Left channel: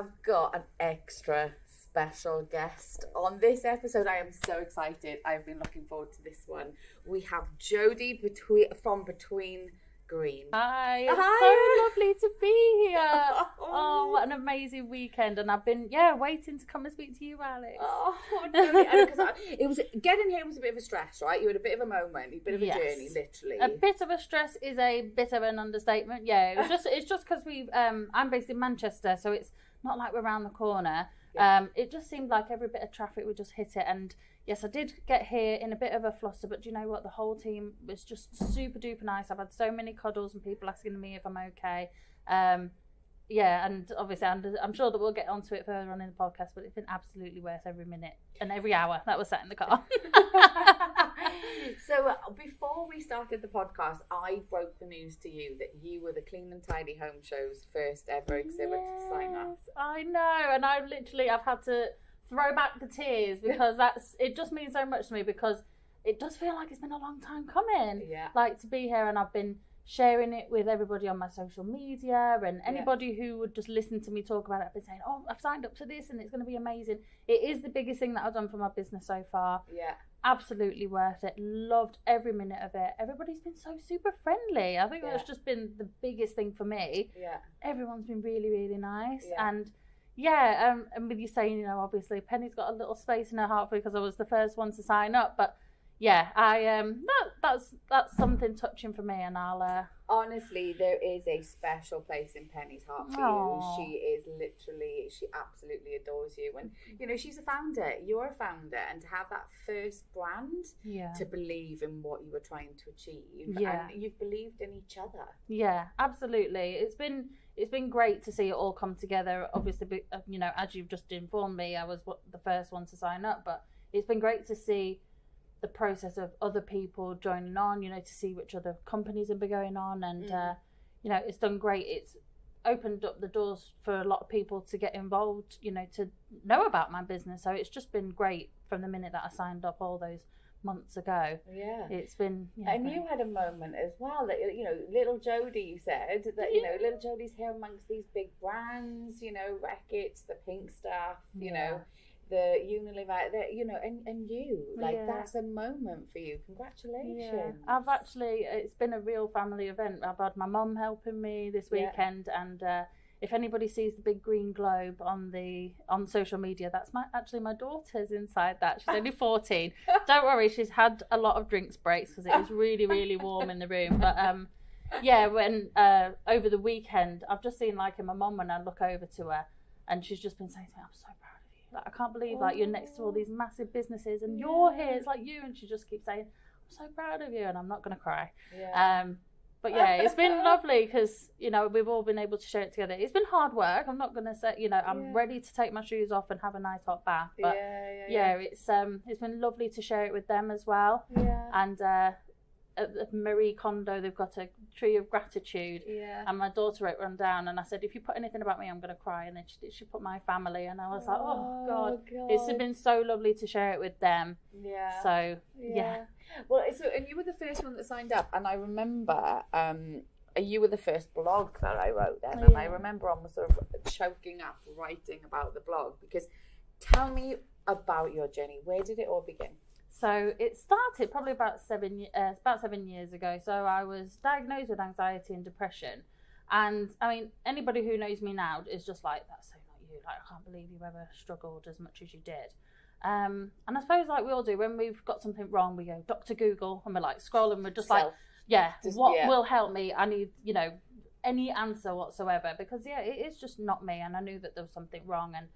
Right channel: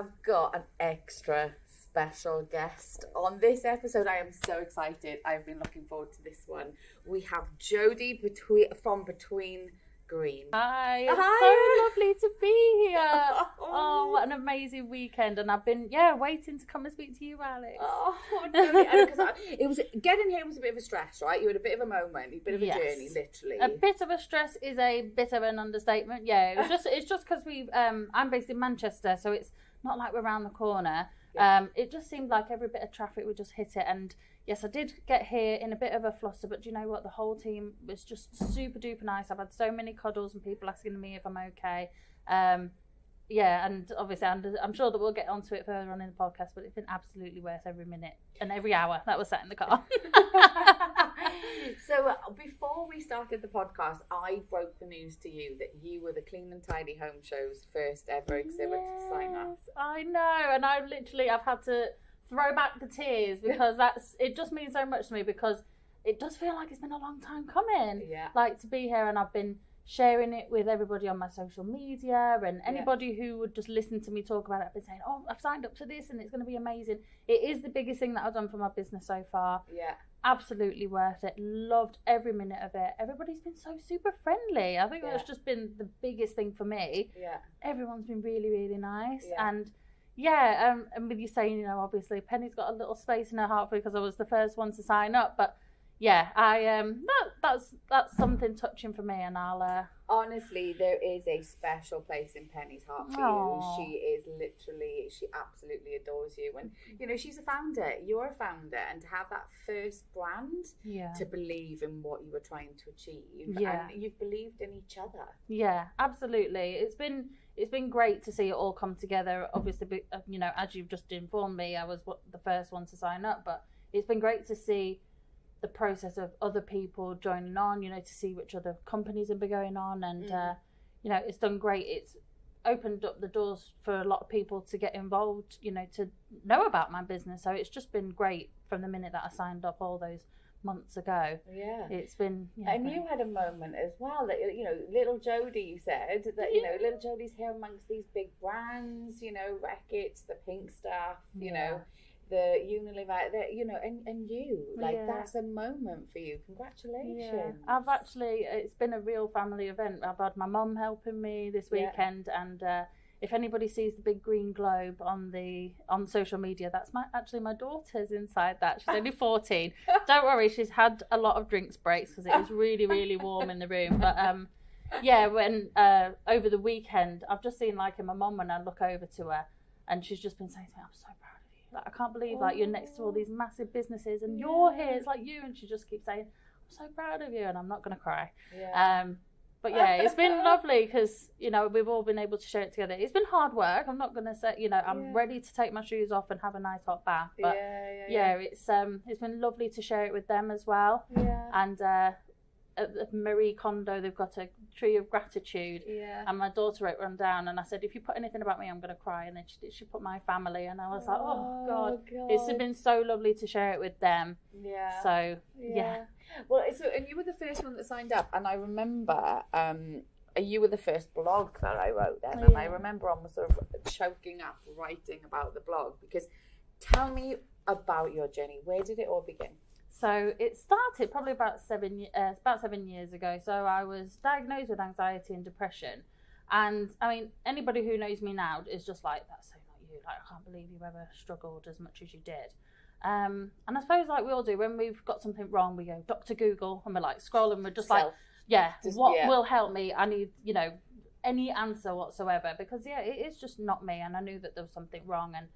have got an extra special guest on this episode. I am so excited. I've been looking forward to this one. We have Jodie from Between Green. Hi, it's so lovely to be here. Oh, what an amazing weekend. And I've been, waiting to come and speak to you, Alex. Oh, it was getting here was a bit of a stress, right? You had a bit of a moment, a bit of a journey, literally. A bit of a stress is a bit of an understatement. Yeah, it's just because I'm based in Manchester, so it's not like we're around the corner. Yeah. It just seemed like every bit of traffic would just hit it, and yes, I did get here in a bit of a fluster, but do you know what? The whole team was just super duper nice. I've had so many cuddles and people asking me if I'm okay. And obviously I'm sure that we'll get onto it further on in the podcast, but it's been absolutely worth every minute and every hour that was sat in the car. So before we started the podcast, I broke the news to you that you were the Clean and Tidy Home Show's first ever exhibit designer. I know, and I've had to throw back the tears because it just means so much to me, because it does feel like it's been a long time coming. Yeah. Like, to be here, and I've been sharing it with everybody on my social media, and anybody who would just listen to me talk about it. I've been saying, oh, I've signed up to this and it's going to be amazing. It is the biggest thing that I've done for my business so far. Yeah. Absolutely worth it. Loved every minute of it. Everybody's been so super friendly. I think that's just been the biggest thing for me. Yeah. Everyone's been really, really nice. Yeah. And with you saying, obviously Penny's got a little space in her heart because I was the first one to sign up, but yeah, that's something touching for me, and I'll honestly, there is a special place in Penny's heart for you. She absolutely adores you, and she's a founder, you're a founder, and to have that first brand, to believe in what you were trying to achieve, and you've believed in each other. Yeah, absolutely. It's been great to see it all come together. Obviously, as you've just informed me, I was the first one to sign up, but it's been great to see the process of other people joining on, to see which other companies have been going on, and it's done great. It's opened up the doors for a lot of people to get involved, to know about my business. So it's just been great from the minute that I signed up all those months ago. Yeah, it's been. And you had a moment as well that little Jodie said that little Jodie's here amongst these big brands, Reckitt's, the Pink Stuff, the Unilever, and you, that's a moment for you. Congratulations. Yeah. It's been a real family event. I've had my mum helping me this weekend, and if anybody sees the big green globe on social media, that's my daughter's inside that. She's only 14. Don't worry, she's had a lot of drinks breaks because it was really, really warm in the room. But when over the weekend, I've just seen in my mum, when I look over to her, and she's just been saying to me, I'm so proud. I can't believe you're next to all these massive businesses and you're here. It's like you, and she just keeps saying, I'm so proud of you, and I'm not going to cry. But it's been lovely because we've all been able to share it together. It's been hard work. I'm not going to say I'm ready to take my shoes off and have a nice hot bath. But it's been lovely to share it with them as well. And at Marie Kondo, they've got a tree of gratitude, and my daughter wrote one down, and I said, if you put anything about me, I'm going to cry. And then she put my family, and I was like, oh God, it's been so lovely to share it with them. Well, and you were the first one that signed up, and I remember you were the first blog that I wrote then, and I remember almost sort of choking up writing about the blog, because tell me about your journey. Where did it all begin? So it started probably about 7 years ago. So I was diagnosed with anxiety and depression, and I mean, anybody who knows me now is just like, that's so not you. Like, I can't believe you ever struggled as much as you did. And I suppose we all do, when we've got something wrong, we go Dr. Google, and we're like scrolling. We're just what will help me? I need any answer whatsoever, because it is just not me, and I knew that there was something wrong. And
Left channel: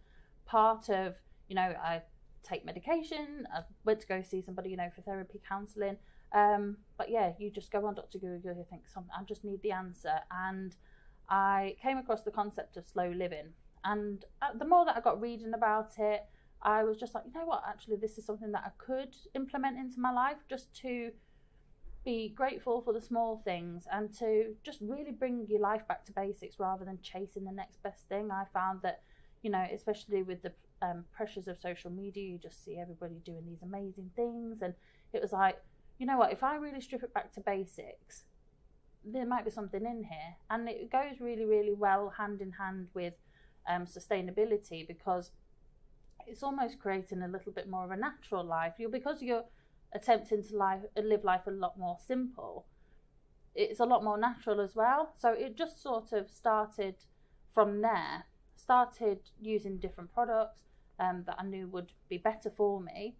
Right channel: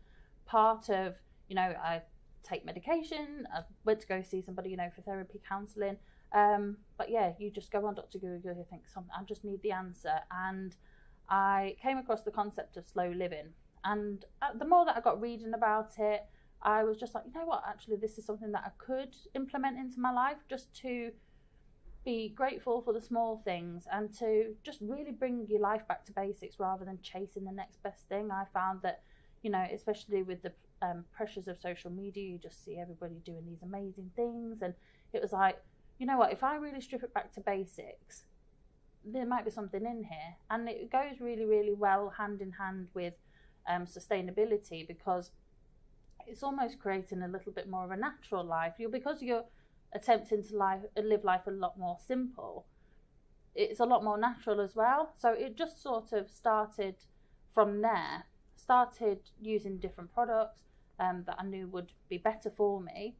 part of I take medication. I went to go see somebody, for therapy, counselling. But you just go on Dr. Google, you think, I just need the answer. And I came across the concept of slow living. And the more that I got reading about it, I was just like, you know what, actually, this is something that I could implement into my life, just to be grateful for the small things and to just really bring your life back to basics rather than chasing the next best thing. I found that, especially with the pressures of social media, you just see everybody doing these amazing things, and it was like, you know what, if I really strip it back to basics, there might be something in here. And it goes really, really well hand in hand with sustainability, because it's almost creating a little bit more of a natural life. Because you're attempting to live life a lot more simple, it's a lot more natural as well. So it just sort of started from there. Started using different products that I knew would be better for me,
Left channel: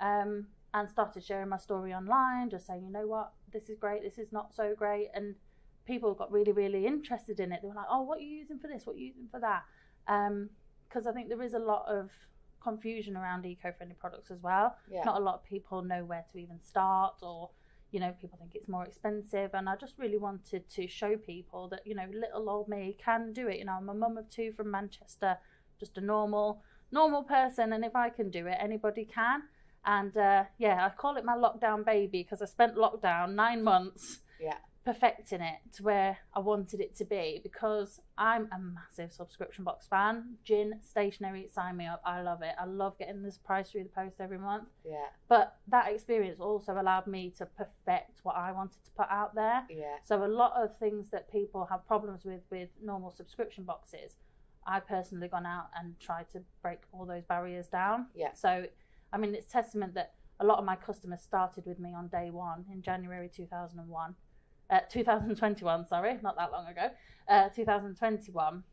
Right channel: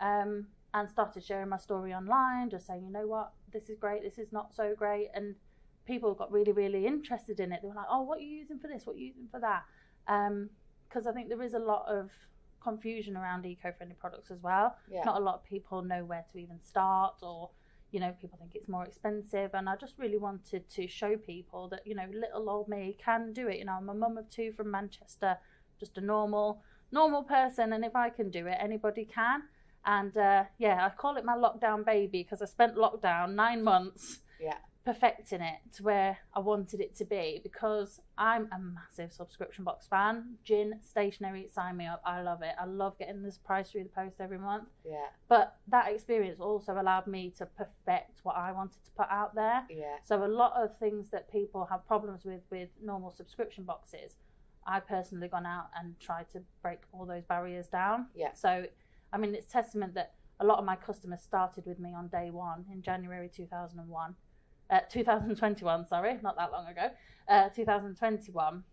and started sharing my story online, just saying, you know what, this is great, this is not so great, and people got really, really interested in it. They were like, oh, what are you using for this? What are you using for that? Because I think there is a lot of confusion around eco-friendly products as well. Yeah. Not a lot of people know where to even start, or people think it's more expensive, and I just really wanted to show people that little old me can do it. I'm a mum of 2 from Manchester, just a normal person, and if I can do it, anybody can. And I call it my lockdown baby, because I spent lockdown 9 months perfecting it to where I wanted it to be, because I'm a massive subscription box fan. Gin, stationery, sign me up. I love it. I love getting this price through the post every month. Yeah. But that experience also allowed me to perfect what I wanted to put out there. Yeah. So a lot of things that people have problems with normal subscription boxes, I personally gone out and tried to break all those barriers down. Yeah. So, I mean, it's testament that a lot of my customers started with me on day one in January 2021, sorry, not that long ago, 2021,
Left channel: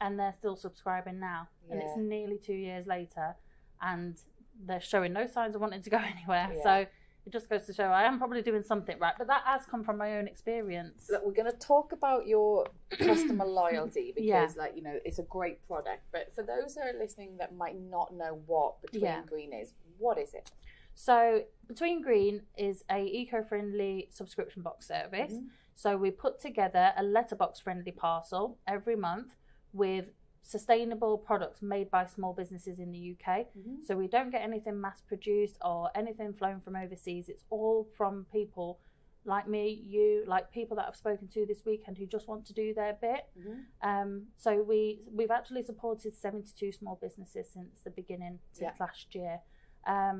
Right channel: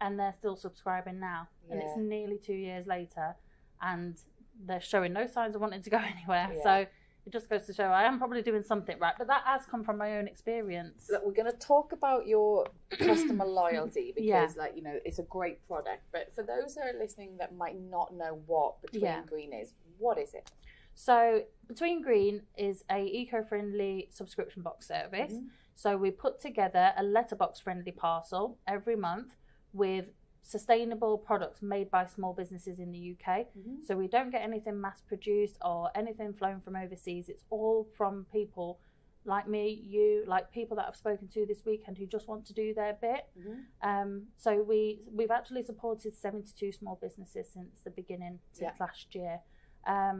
and they're still subscribing now. And it's nearly 2 years later, and they're showing no signs of wanting to go anywhere. Yeah. So it just goes to show I am probably doing something right, but that has come from my own experience. Look, we're going to talk about your customer loyalty, because it's a great product, but for those that are listening that might not know what Between Green is, what is it? So Between Green is a eco-friendly subscription box service. Mm-hmm. So we put together a letterbox friendly parcel every month with sustainable products made by small businesses in the UK. Mm-hmm. So we don't get anything mass produced or anything flown from overseas. It's all from people like me, you, like people that I've spoken to this weekend who just want to do their bit. Mm-hmm. So we've actually supported 72 small businesses since the beginning, since last year.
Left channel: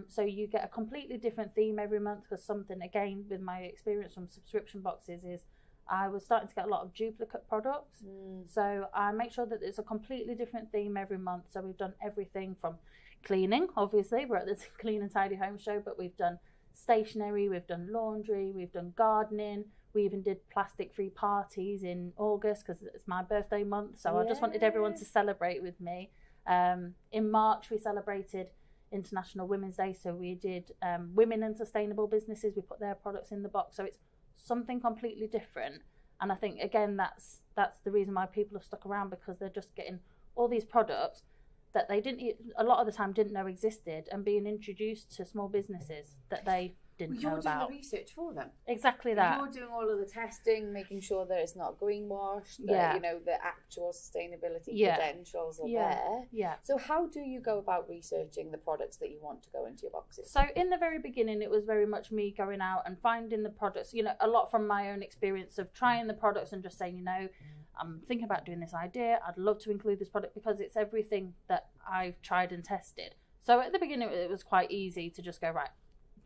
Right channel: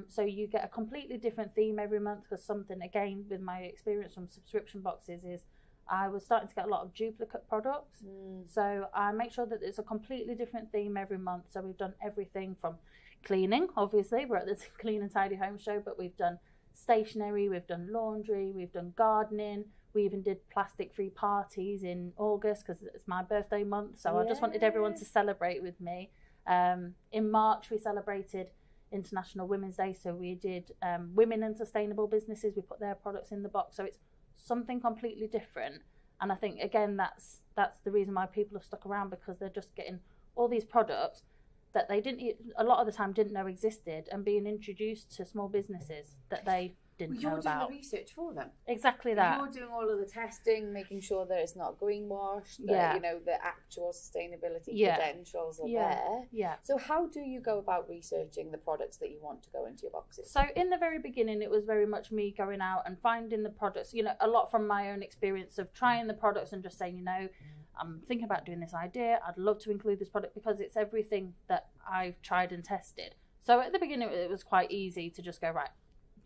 So you get a completely different theme every month, because something, again, with my experience from subscription boxes, is I was starting to get a lot of duplicate products. So I make sure that there's a completely different theme every month. So we've done everything from cleaning, obviously, we're at the Clean and Tidy Home Show, but we've done stationery, we've done laundry, we've done gardening, we even did plastic-free parties in August, because it's my birthday month, so I just wanted everyone to celebrate with me. In March, we celebrated International Women's Day, so we did women and sustainable businesses. We put their products in the box, so it's something completely different. And I think, again, that's the reason why people have stuck around, because they're just getting all these products that they a lot of the time didn't know existed, and being introduced to small businesses that they didn't know about. You're doing the research for them. Exactly that. You're doing all of the testing, making sure that it's not greenwashed, that the actual sustainability credentials are there. Yeah. So how do you go about researching the products that you want to go into your boxes? So in the very beginning, it was very much me going out and finding the products, a lot from my own experience of trying the products and just saying, I'm thinking about doing this idea. I'd love to include this product, because it's everything that I've tried and tested. So at the beginning, it was quite easy to just go, right,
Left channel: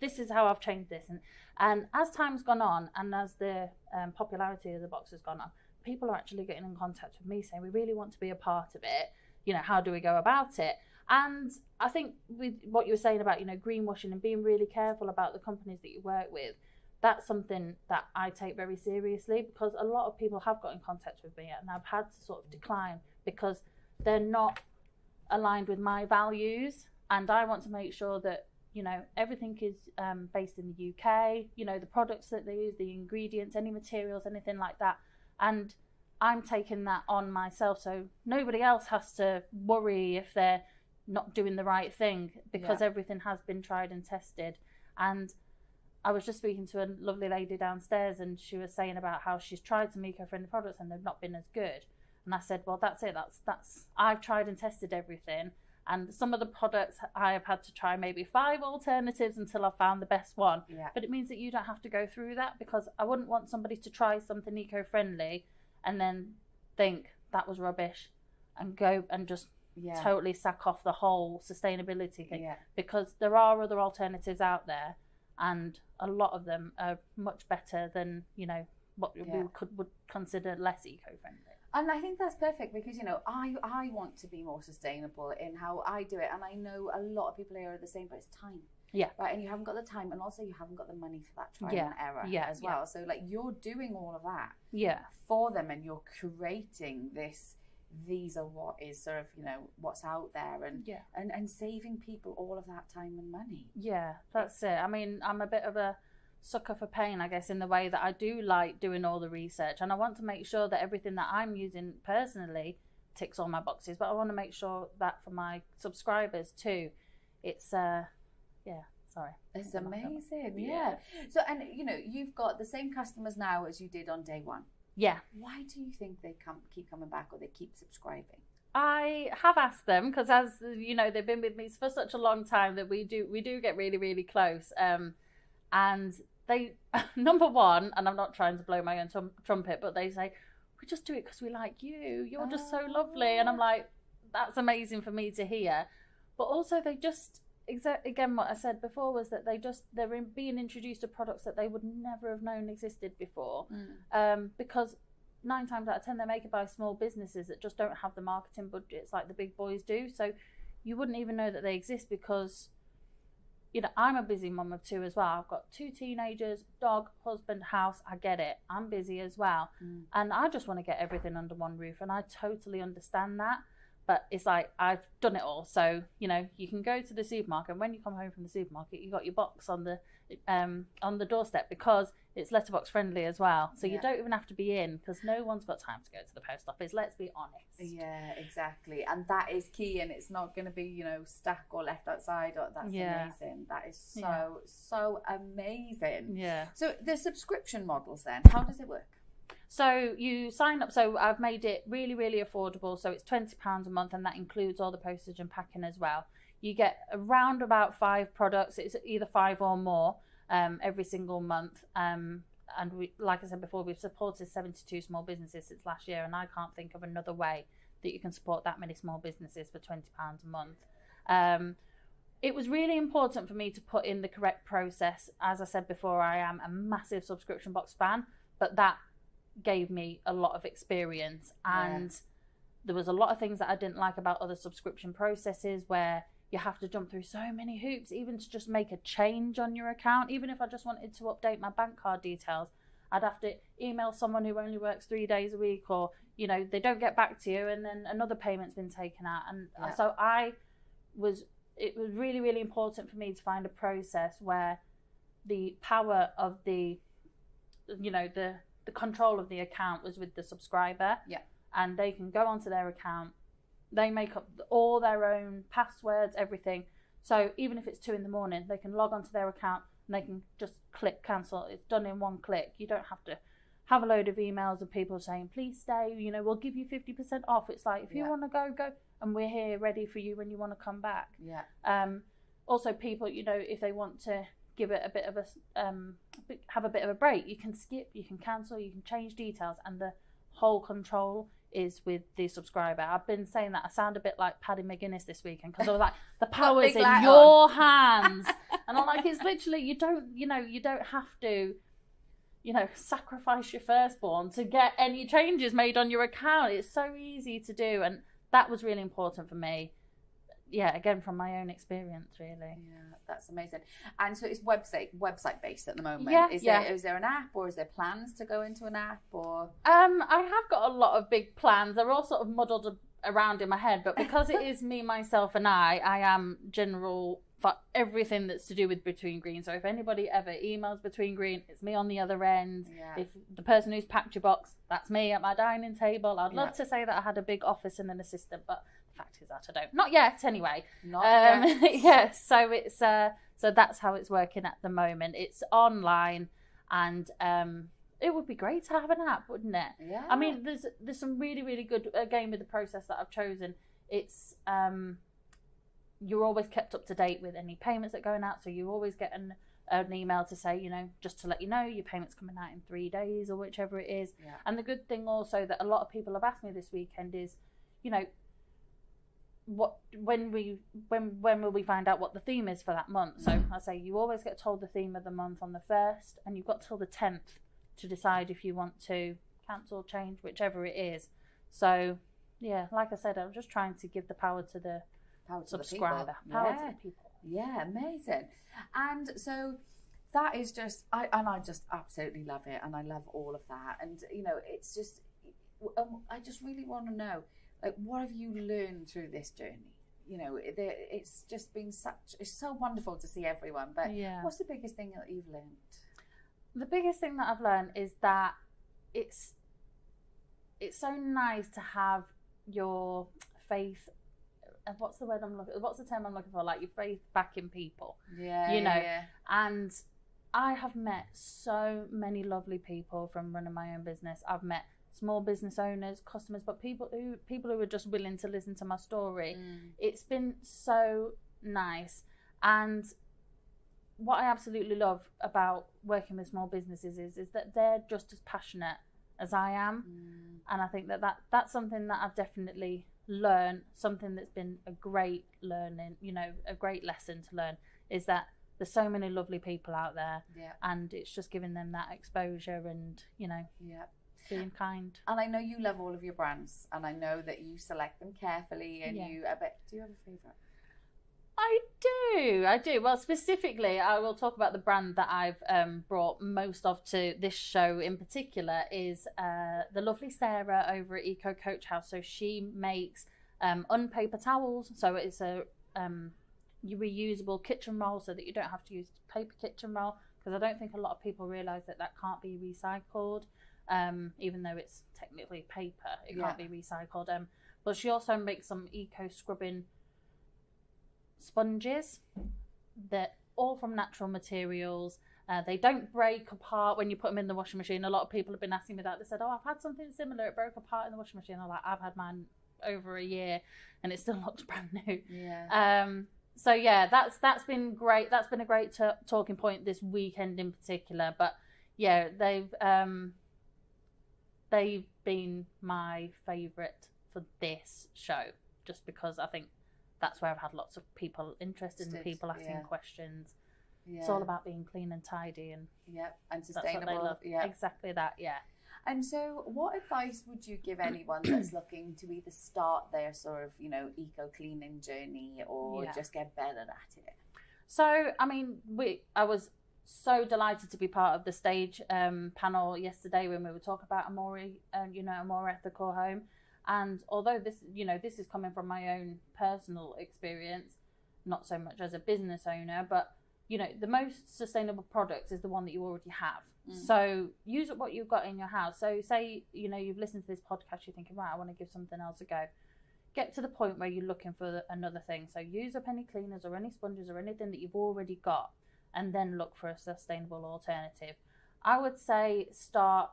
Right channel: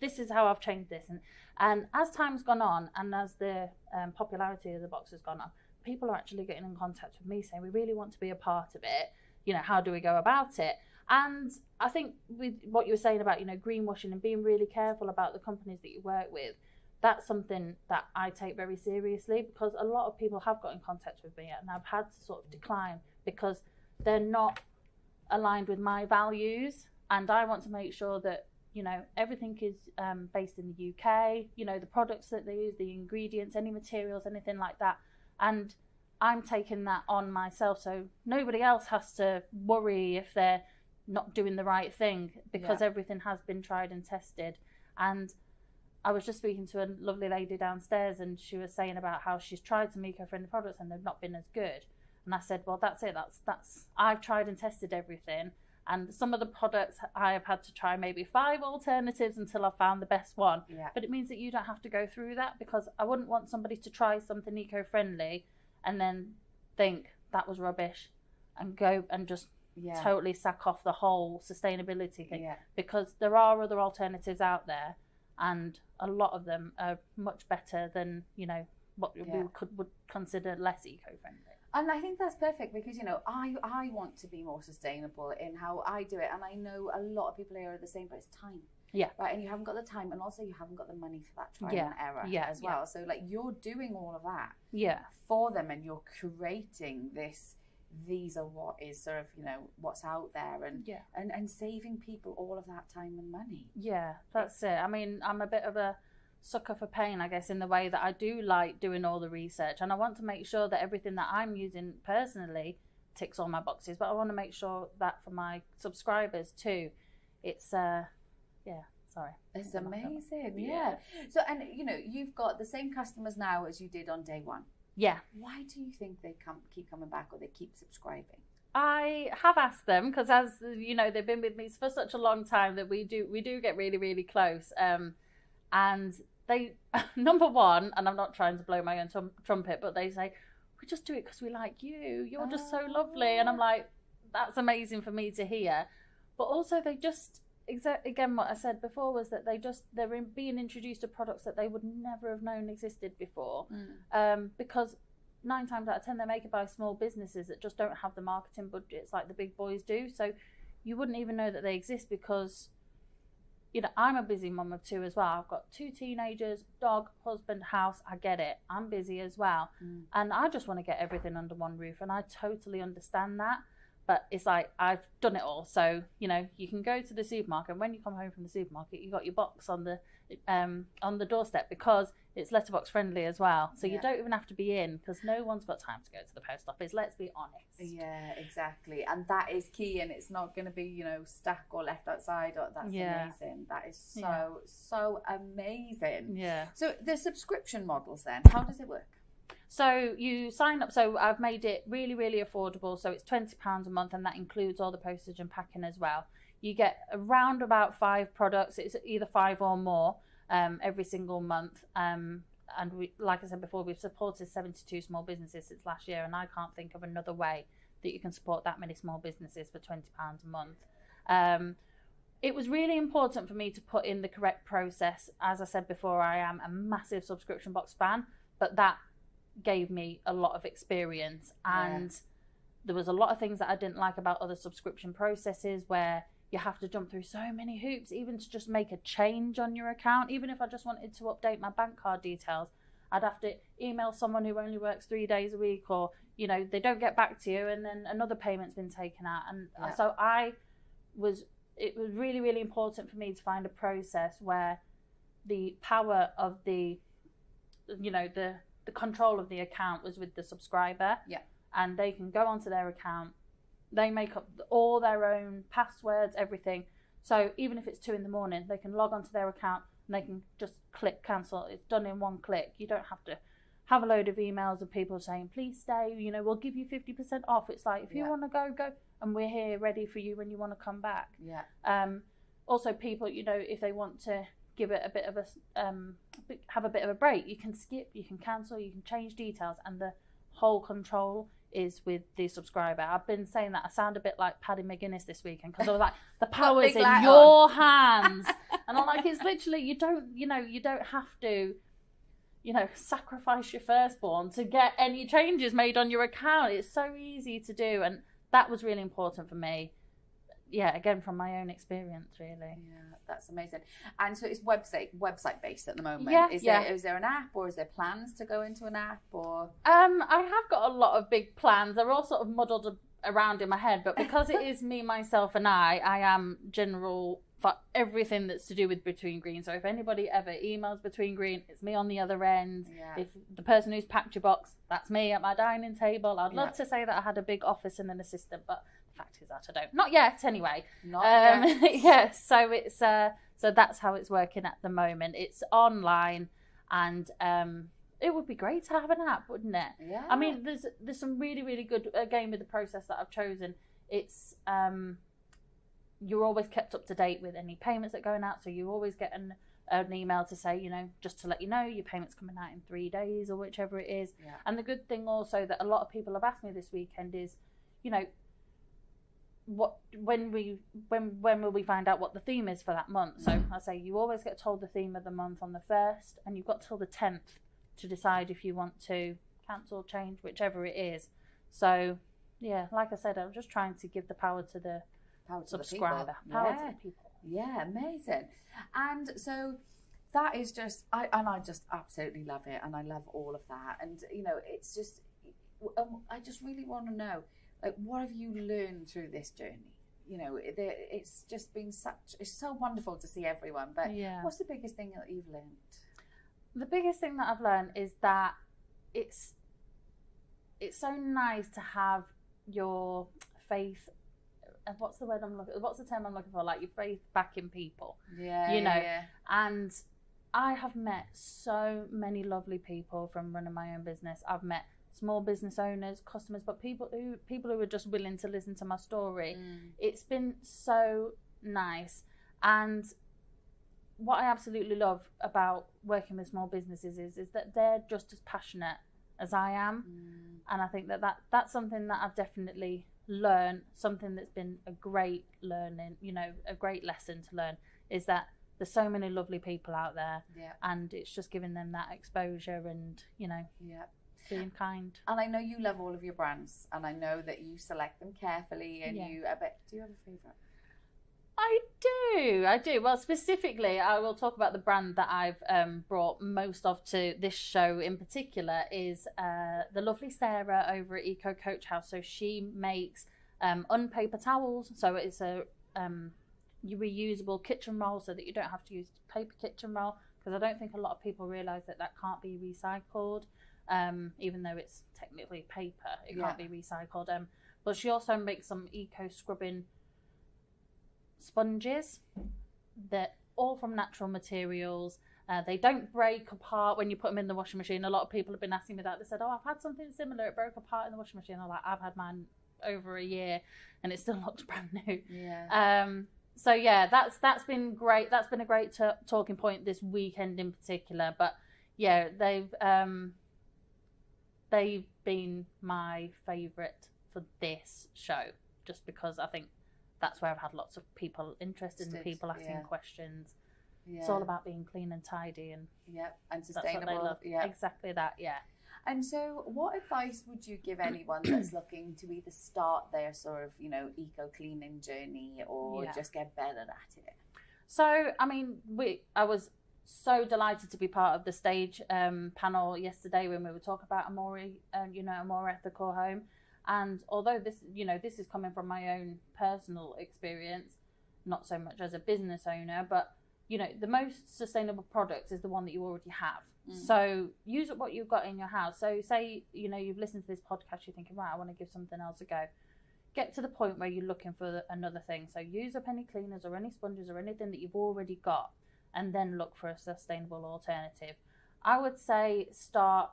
this is how I've changed this. And as time's gone on, and as the popularity of the box has gone up, people are actually getting in contact with me saying, we really want to be a part of it. How do we go about it? And I think with what you were saying about, greenwashing and being really careful about the companies that you work with, that's something that I take very seriously, because a lot of people have got in contact with me and I've had to sort of decline because they're not aligned with my values. And I want to make sure that, everything is based in the UK, the products that they use, the ingredients, any materials, anything like that. And I'm taking that on myself, so nobody else has to worry if they're not doing the right thing, because everything has been tried and tested. And I was just speaking to a lovely lady downstairs, and she was saying about how she's tried some eco-friendly products and they've not been as good. And I said, well, that's it. That's I've tried and tested everything. And some of the products I have had to try maybe 5 alternatives until I found the best one. Yeah. But it means that you don't have to go through that, because I wouldn't want somebody to try something eco-friendly and then think that was rubbish and go and just totally sack off the whole sustainability thing. Yeah. Because there are other alternatives out there, and a lot of them are much better than, what we would consider less eco-friendly. And I think that's perfect because, you know, I want to be more sustainable in how I do it. And I know a lot of people here are the same, but it's time. Yeah. Right. And you haven't got the time, and also you haven't got the money for that trial and error as well. So like you're doing all of that for them, and you're creating this. These are what is sort of, you know, what's out there, and saving people all of that time and money. Yeah, that's it. I mean, I'm a bit of a sucker for pain, I guess, in the way that I do like doing all the research, and I want to make sure that everything that I'm using personally ticks all my boxes, but I want to make sure that for my subscribers too, it's it's amazing. Yeah. So, and you know, you've got the same customers now as you did on day one. Yeah. Why do you think they keep coming back, or they keep subscribing? I have asked them, because, as you know, they've been with me for such a long time that we do get really, really close. And they, number one, and I'm not trying to blow my own trumpet, but they say, we just do it because we like you. You're just so lovely. And I'm like, that's amazing for me to hear. But also they just, again, what I said before was that they're being introduced to products that they would never have known existed before. Because 9 times out of 10 they're made by small businesses that just don't have the marketing budgets like the big boys do. So you wouldn't even know that they exist because, you know, I'm a busy mum of 2 as well. I've got 2 teenagers, dog, husband, house. I get it. I'm busy as well. And I just want to get everything under one roof, and I totally understand that. But it's like, I've done it all. So, you know, you can go to the supermarket, and when you come home from the supermarket, you got your box on the doorstep, because it's letterbox friendly as well. So you don't even have to be in, because no one's got time to go to the post office. Let's be honest. Yeah, exactly. And that is key, and it's not going to be, you know, stuck or left outside. That's amazing. That is so amazing. Yeah. So the subscription models then, how does it work? So you sign up. So I've made it really, really affordable. So it's £20 a month, and that includes all the postage and packing as well. You get around about 5 products. It's either 5 or more every single month. And we, like I said before, we've supported 72 small businesses since last year, and I can't think of another way that you can support that many small businesses for £20 a month. It was really important for me to put in the correct process. As I said before, I am a massive subscription box fan, but that gave me a lot of experience, and there was a lot of things that I didn't like about other subscription processes where you have to jump through so many hoops, even to just make a change on your account. Even if I just wanted to update my bank card details, I'd have to email someone who only works 3 days a week, or, you know, they don't get back to you, and then another payment's been taken out. And so it was really, really important for me to find a process where the power of the control of the account was with the subscriber. And they can go onto their account, they make up all their own passwords, everything. So even if it's 2 a.m, they can log onto their account and they can just click cancel. It's done in one click. You don't have to have a load of emails of people saying, please stay, you know, we'll give you 50% off. It's like, if you want to go, and we're here ready for you when you want to come back. Also, people, you know, if they want to give it a bit of have a bit of a break, you can skip, you can cancel, you can change details, and the whole control is with the subscriber. I've been saying that I sound a bit like Paddy McGuinness this weekend, because I was like, the power's in your hands. And I'm like, it's literally, you don't have to, you know, sacrifice your firstborn to get any changes made on your account. It's so easy to do, and that was really important for me. Yeah, again, from my own experience, really. Yeah, that's amazing. And so it's website based at the moment. Is there an app, or is there plans to go into an app, or? I have got a lot of big plans. They're all sort of muddled around in my head, but because it is me, myself, and I am general for everything that's to do with Between Green. So if anybody ever emails Between Green, it's me on the other end. If the person who's packed your box, that's me at my dining table. I'd love to say that I had a big office and an assistant, but fact is that I don't. Not yet, anyway. Not yet. So it's so that's how it's working at the moment. It's online, and it would be great to have an app, wouldn't it? Yeah. I mean, there's some really, really good, again, with the process that I've chosen. It's you're always kept up to date with any payments that are going out, so you always get an email to say, you know, just to let you know your payment's coming out in 3 days, or whichever it is. And the good thing also that a lot of people have asked me this weekend is, you know, when will we find out what the theme is for that month? So I say you always get told the theme of the month on the 1st, and you've got till the 10th to decide if you want to cancel, change, whichever it is. So yeah, like I said, I'm just trying to give the power to the subscriber, power to the people. Yeah, amazing. And so that is just, I just absolutely love it, and I love all of that. And you know, it's just, I just really want to know, like, what have you learned through this journey? You know, it's just been it's so wonderful to see everyone. But what's the biggest thing that you've learned? The biggest thing that I've learned is that it's so nice to have your faith. What's the term I'm looking for? Like, your faith back in people. Yeah, you know. Yeah. And I have met so many lovely people from running my own business. I've met small business owners, customers, but people who are just willing to listen to my story. It's been so nice. And what I absolutely love about working with small businesses is that they're just as passionate as I am. And I think that's something that I've definitely learned, something that's been a great learning, you know, a great lesson to learn, is that there's so many lovely people out there, and it's just giving them that exposure and, you know, being kind. And I know you love all of your brands, and I know that you select them carefully, and do you have a favourite? I do. Well, specifically, I will talk about the brand that I've brought most of to this show in particular is the lovely Sarah over at Eco Coach House. So she makes unpaper towels. So it's a reusable kitchen roll, so that you don't have to use paper kitchen roll, because I don't think a lot of people realise that can't be recycled, even though it's technically paper. It can't be recycled. But she also makes some eco scrubbing sponges that all from natural materials. They don't break apart when you put them in the washing machine. A lot of people have been asking me that. They said, I've had something similar, it broke apart in the washing machine. I'm like, I've had mine over a year and it still looks brand new. So yeah, that's been great. That's been a great talking point this weekend in particular. But yeah, they've been my favourite for this show, just because I think that's where I've had lots of people interested in, people asking questions. It's all about being clean and tidy and sustainable. Exactly that. And so, what advice would you give anyone that's looking to either start their sort of, you know, eco cleaning journey or just get better at it? So, I mean, I was so delighted to be part of the stage panel yesterday when we were talking about a more ethical home. And although this is coming from my own personal experience, not so much as a business owner, but you know, the most sustainable product is the one that you already have. So use what you've got in your house. So say, you know, you've listened to this podcast, you're thinking, right, I want to give something else a go. Get to the point where you're looking for another thing. So use up any cleaners or any sponges or anything that you've already got, and then look for a sustainable alternative. I would say start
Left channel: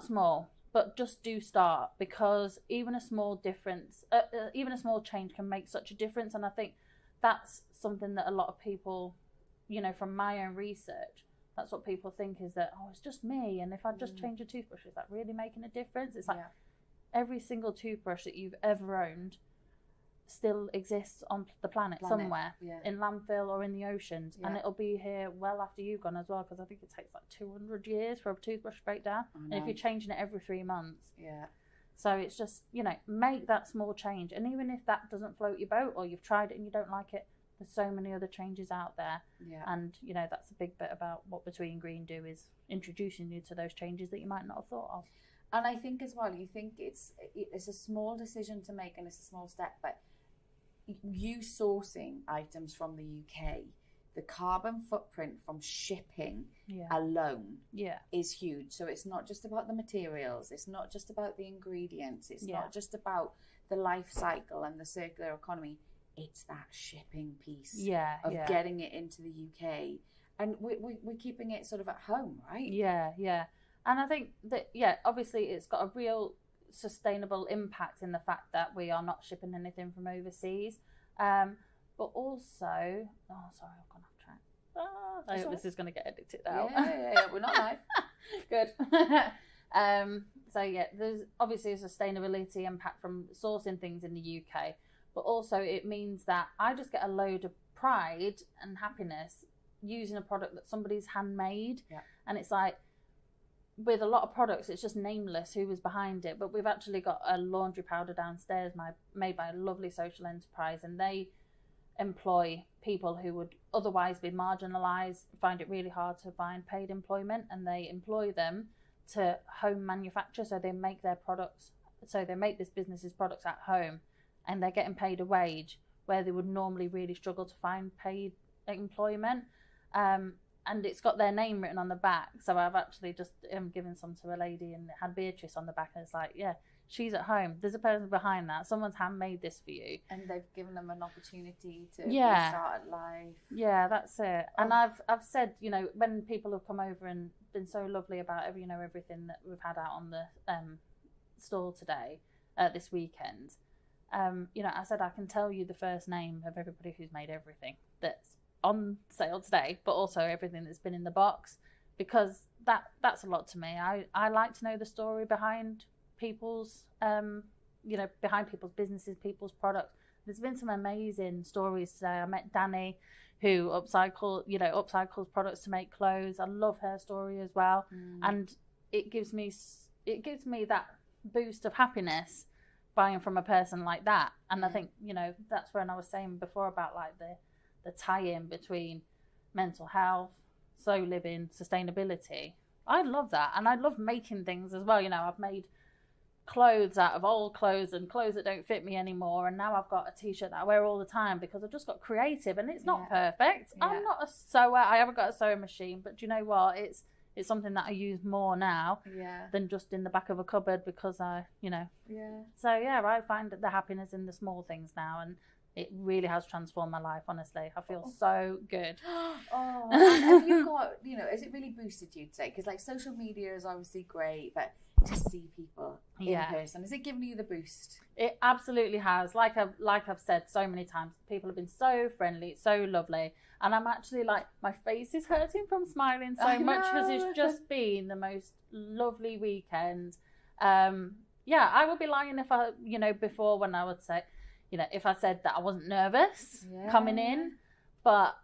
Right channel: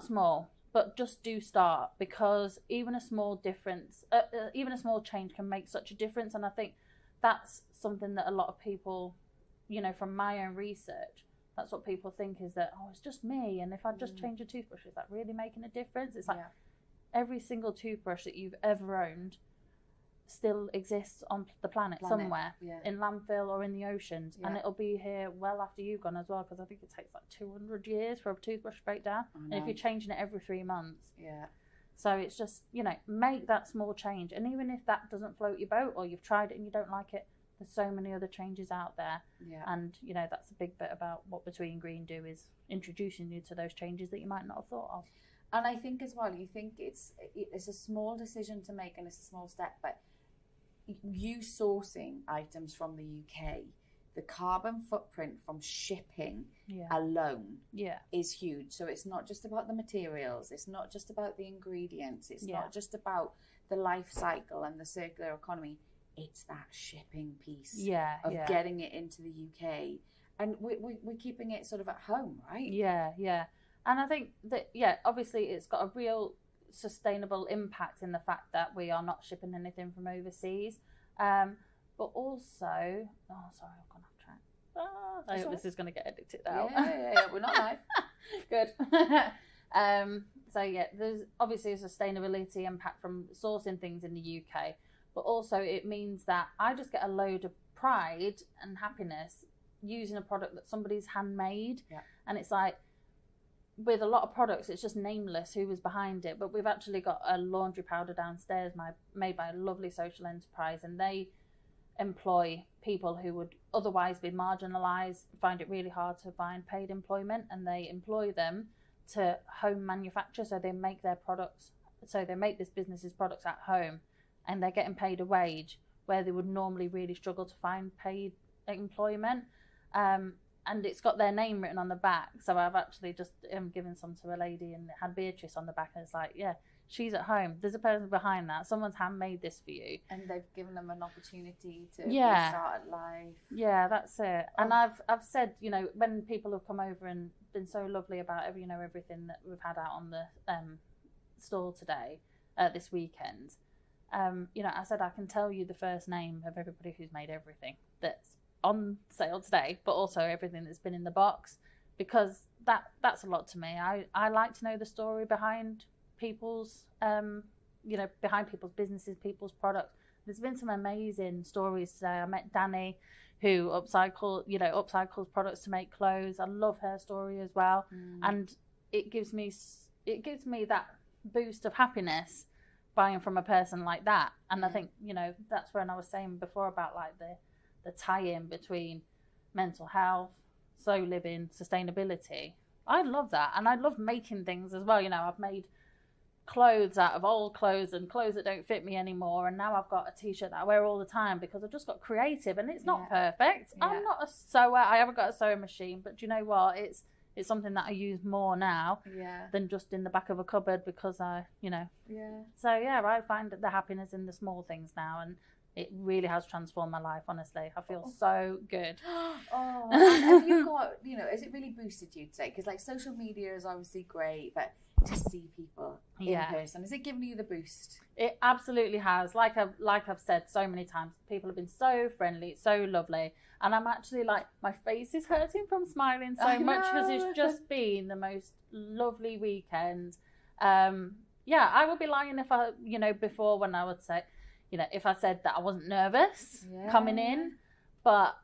small. But just do start, because even a small difference, even a small change can make such a difference. And I think that's something that a lot of people, you know, from my own research, that's what people think, is that, oh, it's just me. And if I just change a toothbrush, is that really making a difference? It's like every single toothbrush that you've ever owned still exists on the planet somewhere, in landfill or in the oceans, and it'll be here well after you've gone as well, because I think it takes like 200 years for a toothbrush to break down, and if you're changing it every 3 months, so it's just, you know, make that small change. And even if that doesn't float your boat, or you've tried it and you don't like it, there's so many other changes out there. And you know, that's a big bit about what Between Green do, is introducing you to those changes that you might not have thought of. And I think as well, you think it's a small decision to make, and it's a small step, but you sourcing items from the UK, the carbon footprint from shipping alone is huge. So it's not just about the materials, it's not just about the ingredients, it's not just about the life cycle and the circular economy, it's that shipping piece of getting it into the UK. And we're keeping it sort of at home, right? And I think that, obviously it's got a real sustainable impact in the fact that we are not shipping anything from overseas, but also sorry, I've gone off track. I hope this is going to get edited out. We're not live. Good. So there's obviously a sustainability impact from sourcing things in the UK, but also it means that I just get a load of pride and happiness using a product that somebody's handmade. And it's like, with a lot of products, it's just nameless who was behind it. But we've actually got a laundry powder downstairs made by a lovely social enterprise, and they employ people who would otherwise be marginalised, find it really hard to find paid employment, and they employ them to home manufacture. So they make their products, so they make this business's products at home, and they're getting paid a wage where they would normally really struggle to find paid employment. And it's got their name written on the back. So I've actually just given some to a lady, and it had Beatrice on the back, and it's like, yeah, she's at home. There's a person behind that. Someone's handmade this for you. And they've given them an opportunity to Yeah. restart life. Yeah, that's it. And I've said, you know, when people have come over and been so lovely about every, you know, everything that we've had out on the store today, this weekend, you know, I said I can tell you the first name of everybody who's made everything that's on sale today, but also everything that's been in the box, because that's a lot to me. I like to know the story behind people's you know, behind people's businesses, people's products. There's been some amazing stories today. I met Danny, who upcycles products to make clothes. I love her story as well. And it gives me that boost of happiness buying from a person like that. And I think, you know, that's when I was saying before about like the tie-in between mental health, slow living, sustainability. I love that, and I love making things as well. You know, I've made clothes out of old clothes and clothes that don't fit me anymore, and now I've got a t-shirt that I wear all the time because I've just got creative, and it's not perfect. I'm not a sewer. I haven't got a sewing machine, but do you know what? It's something that I use more now than just in the back of a cupboard, because I, you know. So yeah, I find the happiness in the small things now, and it really has transformed my life, honestly. I feel so good. Have you got, you know, has it really boosted you today? Because like social media is obviously great, but to see people in person, has it given you the boost? It absolutely has. Like I've said so many times, people have been so friendly, so lovely, and I'm actually like, my face is hurting from smiling so much, because it's just been the most lovely weekend. Yeah, I would be lying if I, you know, before, when I would say, you know, if I said that I wasn't nervous coming in, but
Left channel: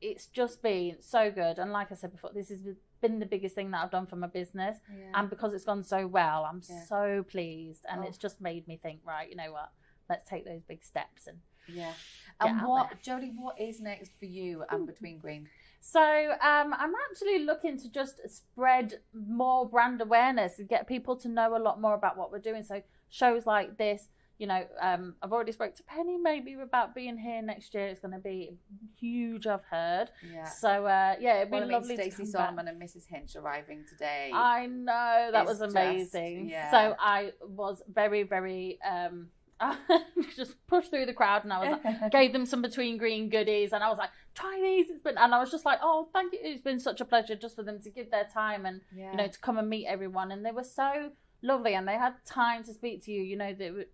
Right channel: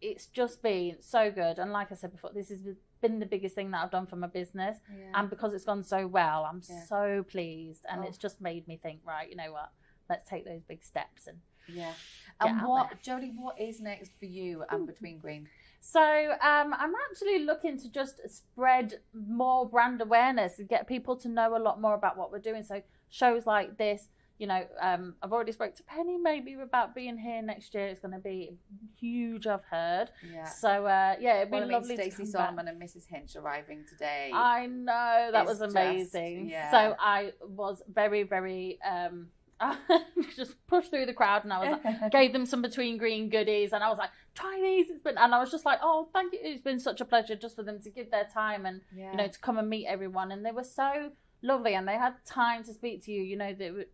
it's just been so good. And like I said before, this has been the biggest thing that I've done for my business. And because it's gone so well, I'm so pleased. And it's just made me think, right, you know what, let's take those big steps. And and Jodie, what is next for you and Between Green? So I'm actually looking to just spread more brand awareness and get people to know a lot more about what we're doing. So shows like this, you know, I've already spoke to Penny maybe about being here next year. It's going to be huge, I've heard. So it'd be lovely. Stacey Solomon and Mrs. Hinch arriving today. I know, that was amazing. So I was very, very just pushed through the crowd, and I was like, gave them some Between Green goodies, and I was like, try these. And I was just like, oh, thank you. It's been such a pleasure just for them to give their time and you know, to come and meet everyone. And they were so lovely, and they had time to speak to you. You know, they were,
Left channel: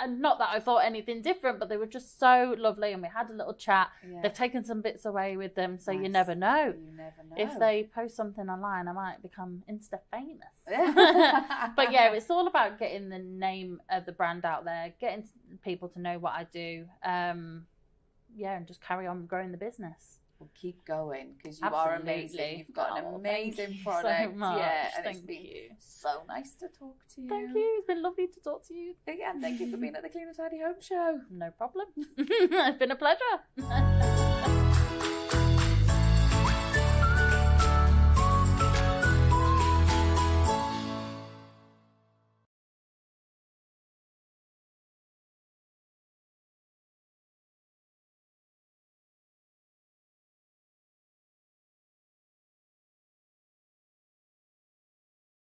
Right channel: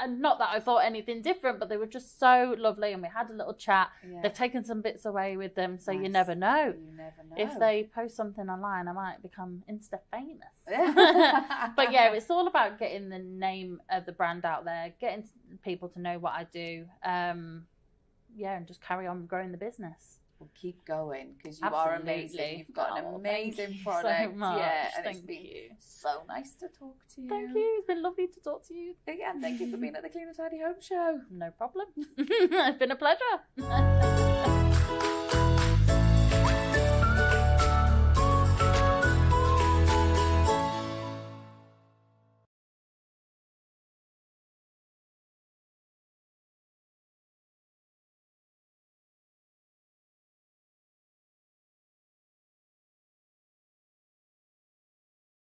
and not that I thought anything different, but they were just so lovely, and we had a little chat. They've taken some bits away with them, so you never know. If they post something online, I might become Insta famous. But yeah, it's all about getting the name of the brand out there, getting people to know what I do, and just carry on growing the business. Well, keep going, because you are amazing. You've got an amazing product. So much. And it's been so nice to talk to you. Thank you. It's been lovely to talk to you. And thank you for being at the Clean and Tidy Home Show. No problem. It's been a pleasure.